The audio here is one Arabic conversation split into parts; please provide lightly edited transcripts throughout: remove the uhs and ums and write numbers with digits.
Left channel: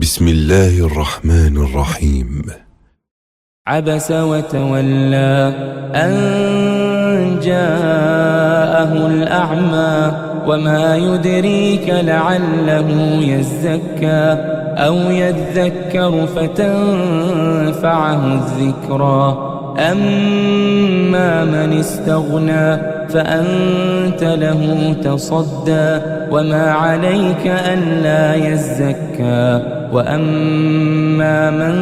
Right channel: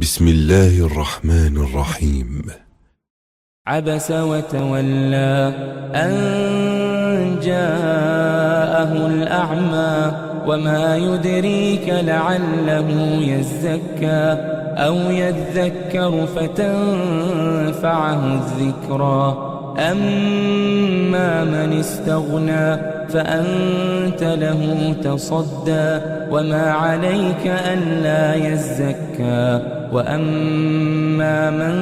بسم الله الرحمن الرحيم. عبس وتولى أن جاءه الأعمى وما يدريك لعله يزكى أو يذكر فتنفعه الذكرى أما من استغنى فأنت له تصدى وما عليك ألا يزكى وأما من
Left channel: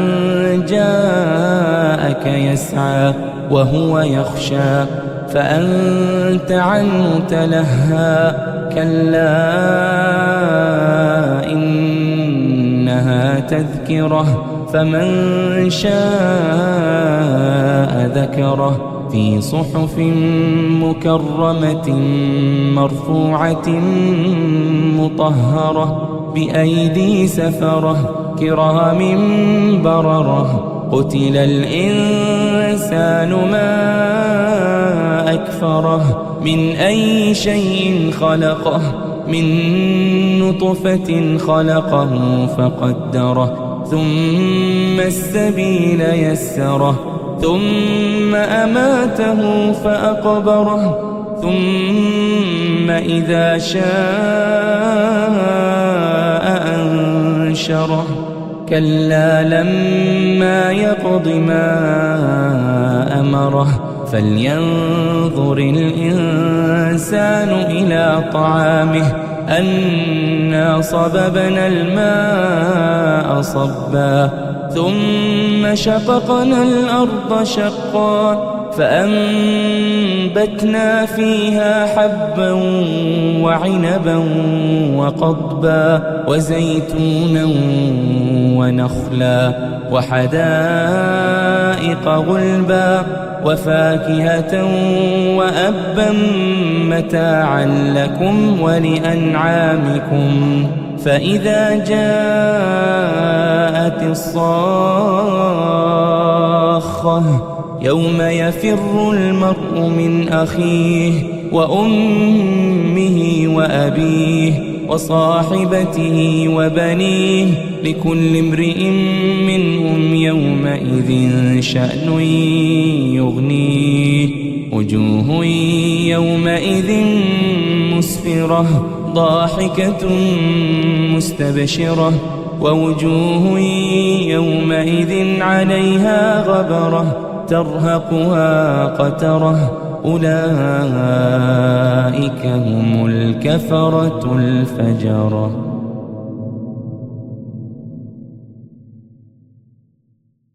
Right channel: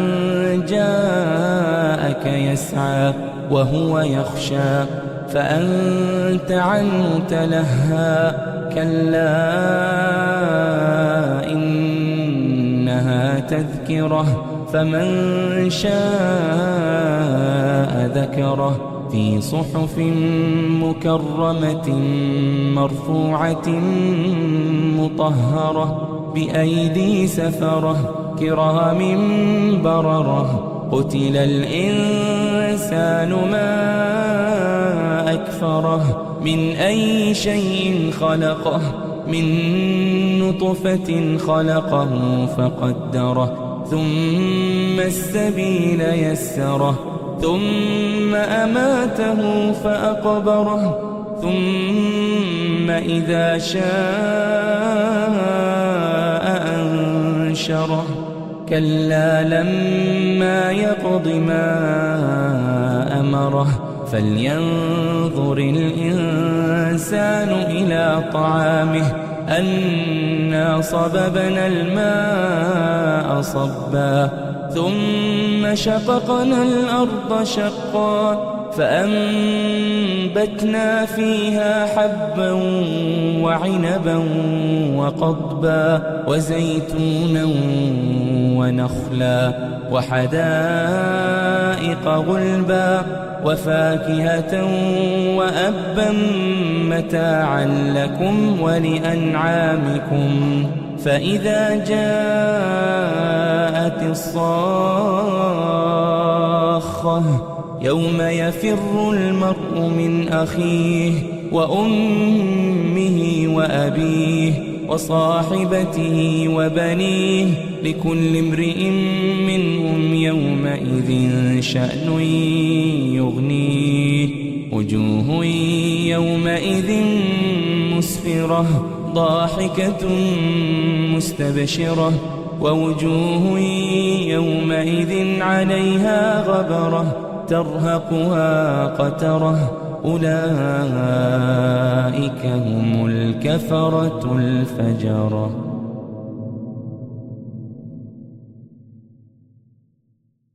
جاءك يسعى وهو يخشى فأنت عنه تلهى كلا إنها تذكرة فمن شاء ذكره في صحف مكرمة مرفوعة مطهرة بأيدي سفرة كرام بررة قتل الإنسان ما أكفره من أي شيء خلقه من نطفة خلقه فقدره ثم السبيل يسره ثم أماته فأقبره ثم إذا شاء أنشره كلا لما يقض ما أمره فلينظر الإنسان إلى طعامه أنا صببنا الماء صبا ثم شققنا الأرض شقا فأنبتنا فيها حبا وعنبا وقضبا وزيتونا ونخلا وحدائق غلبا وفاكهة وأبا متاعا لكم ولأنعامكم فإذا جاءت الصاخة يوم يفر المرء من أخيه وأمه وأبيه وصاحبته وبنيه لكل امرئ منهم يومئذ شأن يغنيه وجوه يومئذ مسفرة ضاحكة مستبشرة ووجوه يومئذ عليها غبرة ترهقها قترة أولئك هم الكفرة الفجرة.